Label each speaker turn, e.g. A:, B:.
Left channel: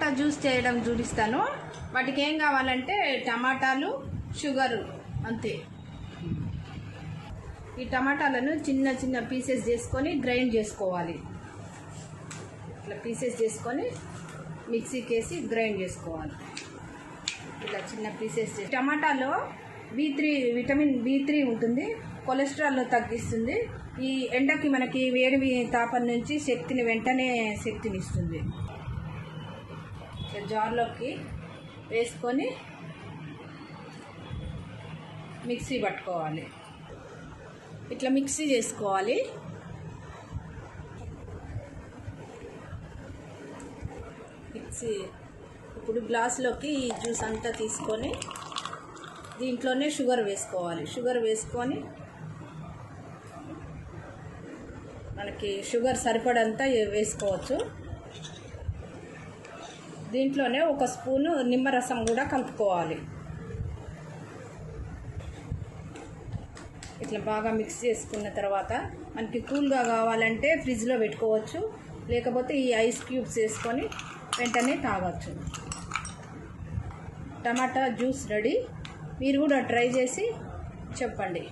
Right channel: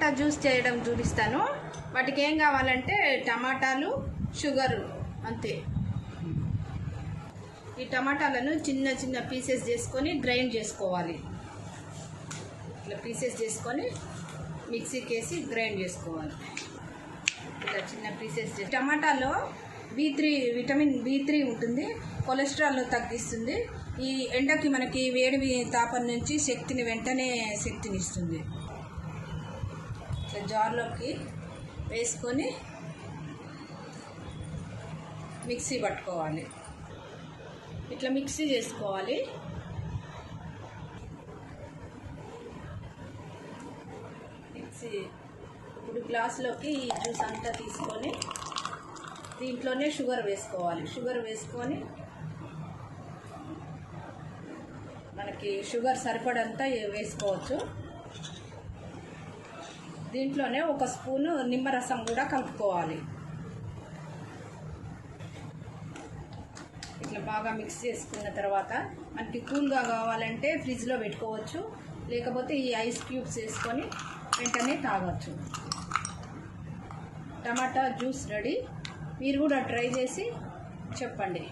A: టమాటా juice చేయడం చూపిస్తాను. వాటికి ఏం కావాలంటే టమాటాలు షుగరు అంతే. ఈ టమాటాలను చిన్న చిన్న పీసెస్ చేసుకొని గ్రైండ్ చేసుకోవాలి. ఇట్లా పీసెస్ చేసుకొని మిక్సీకి వేసి గ్రైండ్ చేసుకోవాలి. ఇట్లా చిన్న పీసెస్ చేసి టమాటాలో B three vitamin B three ఉంటుంది. కొలెస్ట్రాల్ తగ్గిస్తుంది. ఈ ఎండకి మనకి వేడి తాపం నుంచి శక్తిని వెంటనే శక్తిని ఇస్తుంది జార్లోకి వేసుకొని మిక్సీ పట్టుకోవాలి. ఇట్లా మిక్సీ చేసుకోవాలి. మిక్సీ ఇప్పుడు గ్లాస్లోకి ఈ జ్యూస్ అంతా తీసుకొని దీంట్లోనే షుగర్ వేసుకోవాలి. షుగర్ వేసుకొని మనకి షుగర్ సరిపడంతా వేసుకోవచ్చు. దీంట్లోనే ఒక స్పూను నిమ్మరసం కూడా కలుపుకోవాలి. ఇట్లా బాగా మిక్స్ చేసుకున్న తర్వాత మనకి కూల్గా కావాలంటే ఫ్రిడ్జ్లో పెట్టుకోవచ్చు. లేకపోతే ఈ ఐస్ క్యూబ్స్ వేసుకొని వెంటనే తాగొచ్చు. టమాటా జ్యూస్ రెడీ మీరు కూడా ట్రై చేసి చెప్పండి.